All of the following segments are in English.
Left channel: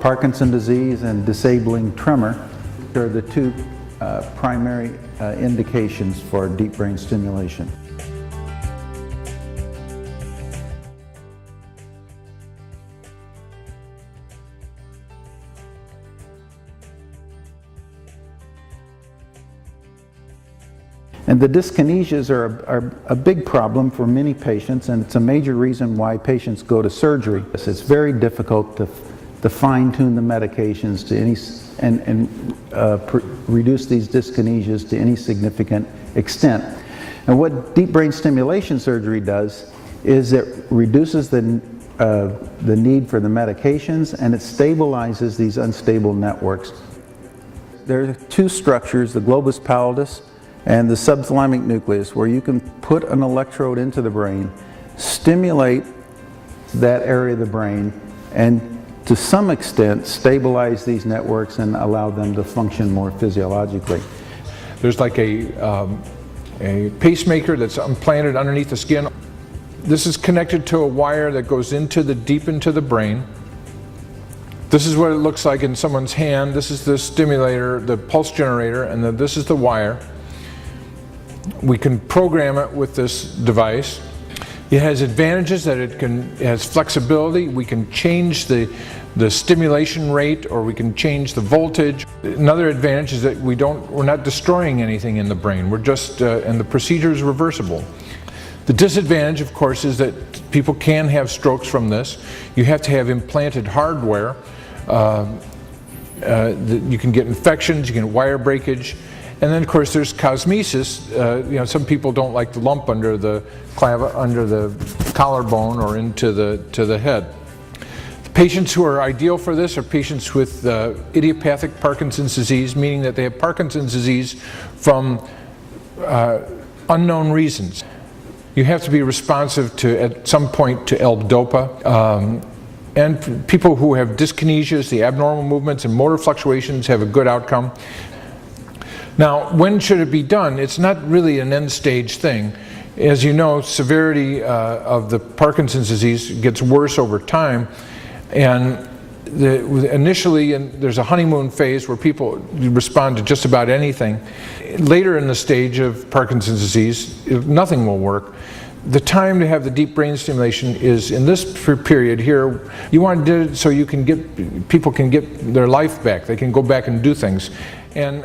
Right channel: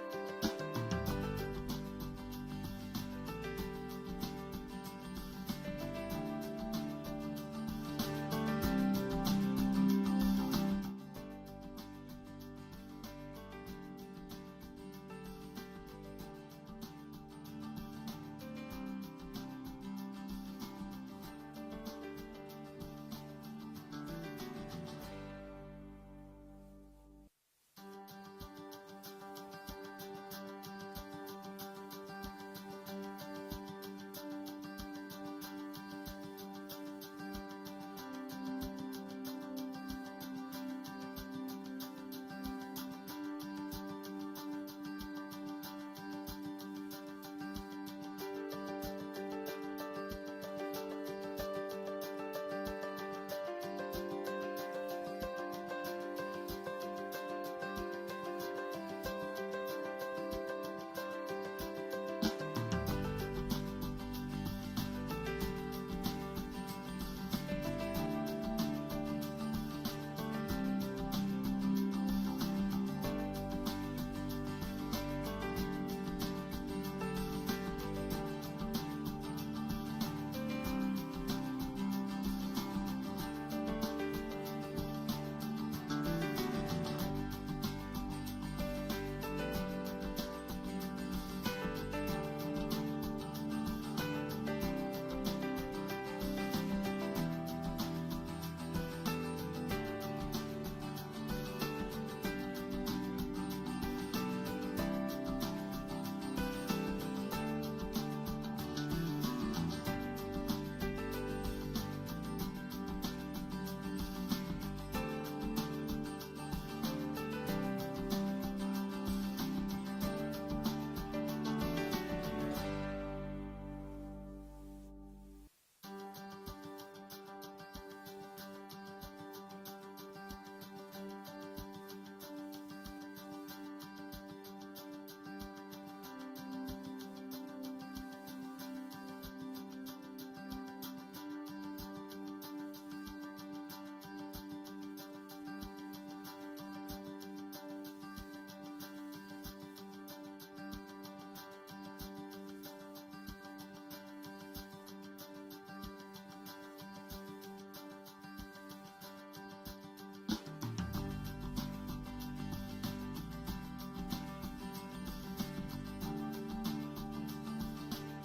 Parkinson's disease and disabling tremor are the two primary indications for deep brain stimulation. And the dyskinesias are a big problem for many patients, and it's a major reason why patients go to surgery. It's very difficult to fine-tune the medications to any reduce these dyskinesias to any significant extent. And what deep brain stimulation surgery does is it reduces the need for the medications, and it stabilizes these unstable networks. There are two structures, the globus pallidus and the subthalamic nucleus, where you can put an electrode into the brain, stimulate that area of the brain, and to some extent stabilize these networks and allow them to function more physiologically. There's like a pacemaker that's implanted underneath the skin. This is connected to a wire that goes deep into the brain. This is what it looks like in someone's hand. This is the stimulator, the pulse generator, and then this is the wire. We can program it with this device. It has advantages that it has flexibility. We can change the stimulation rate, or we can change the voltage. Another advantage is that we're not destroying anything in the brain. We're just, and the procedure is reversible. The disadvantage, of course, is that people can have strokes from this. You have to have implanted hardware. You can get infections, you can get wire breakage. And then, of course, there's cosmesis. Some people don't like the lump under the collarbone or into the head. The patients who are ideal for this are patients with idiopathic Parkinson's disease, meaning that they have Parkinson's disease from unknown reasons. You have to be responsive to, at some point, to L-DOPA. And people who have dyskinesias, the abnormal movements and motor fluctuations, have a good outcome. Now, when should it be done? It's not really an end-stage thing. As you know, severity of the Parkinson's disease gets worse over time, and initially there's a honeymoon phase where people respond to just about anything. Later in the stage of Parkinson's disease, nothing will work. The time to have the deep brain stimulation is in this period here. You want to do it so people can get their life back. They can go back and do things. And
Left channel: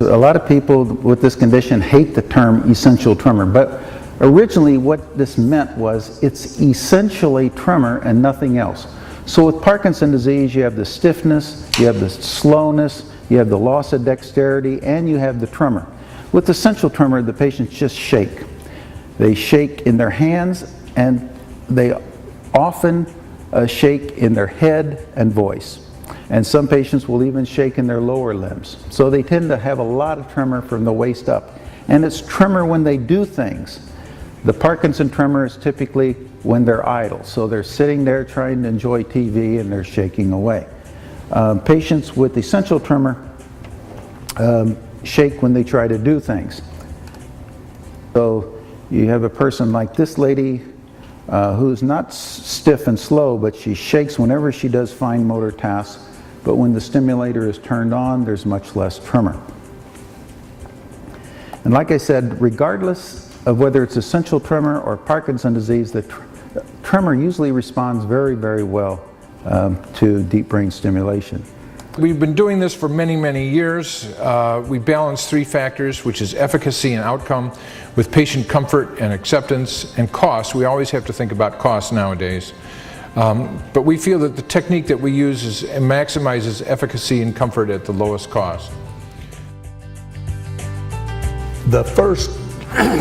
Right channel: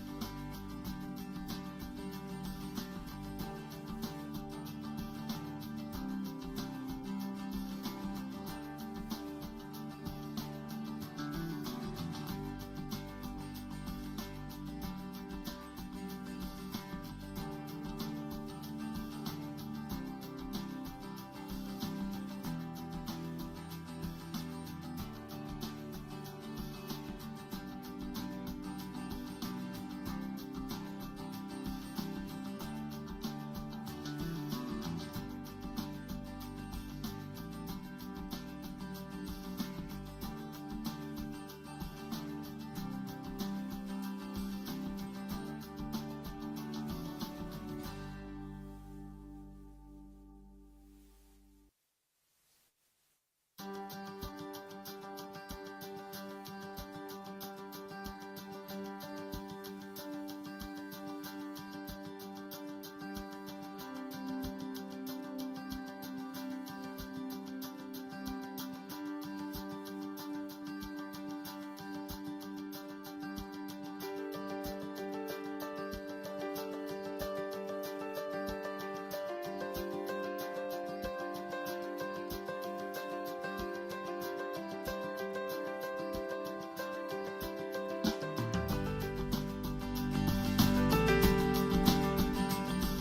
a lot of people with this condition hate the term essential tremor, but originally what this meant was it's essentially tremor and nothing else. So with Parkinson's disease, you have the stiffness, you have the slowness, you have the loss of dexterity, and you have the tremor. With essential tremor, the patients just shake. They shake in their hands, and they often shake in their head and voice. And some patients will even shake in their lower limbs. So they tend to have a lot of tremor from the waist up. And it's tremor when they do things. The Parkinson tremor is typically when they're idle. So they're sitting there trying to enjoy TV and they're shaking away. Patients with essential tremor shake when they try to do things. So you have a person like this lady who's not stiff and slow, but she shakes whenever she does fine motor tasks. But when the stimulator is turned on, there's much less tremor. And like I said, regardless of whether it's essential tremor or Parkinson's disease, the tremor usually responds very, very well to deep brain stimulation. We've been doing this for many, many years. We balance three factors, which is efficacy and outcome, with patient comfort and acceptance, and cost. We always have to think about cost nowadays. But we feel that the technique that we use maximizes efficacy and comfort at the lowest cost. The first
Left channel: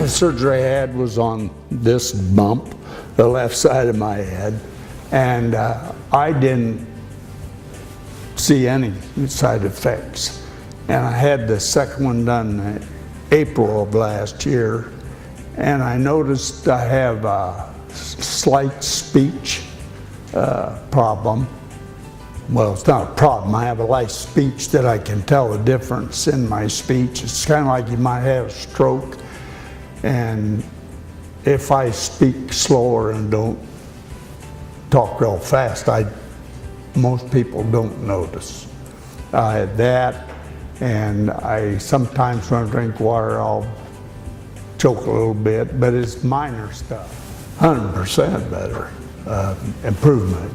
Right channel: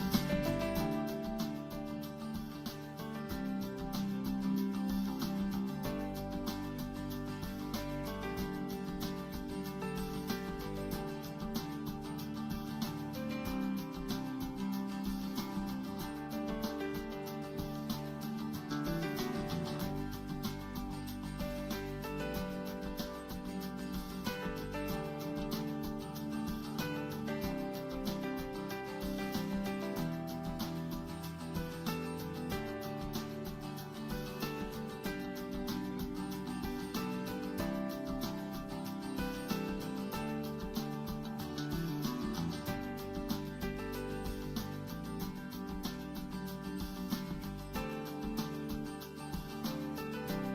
surgery I had was on this bump, the left side of my head, and I didn't see any side effects. And I had the second one done in April of last year, and I noticed I have a slight speech problem. Well, it's not a problem. I have a light speech that I can tell the difference in my speech. It's kind of like you might have a stroke. And if I speak slower and don't talk real fast, most people don't notice. I had that, and I sometimes when I drink water, I'll choke a little bit, but it's minor stuff. 100% better improvement.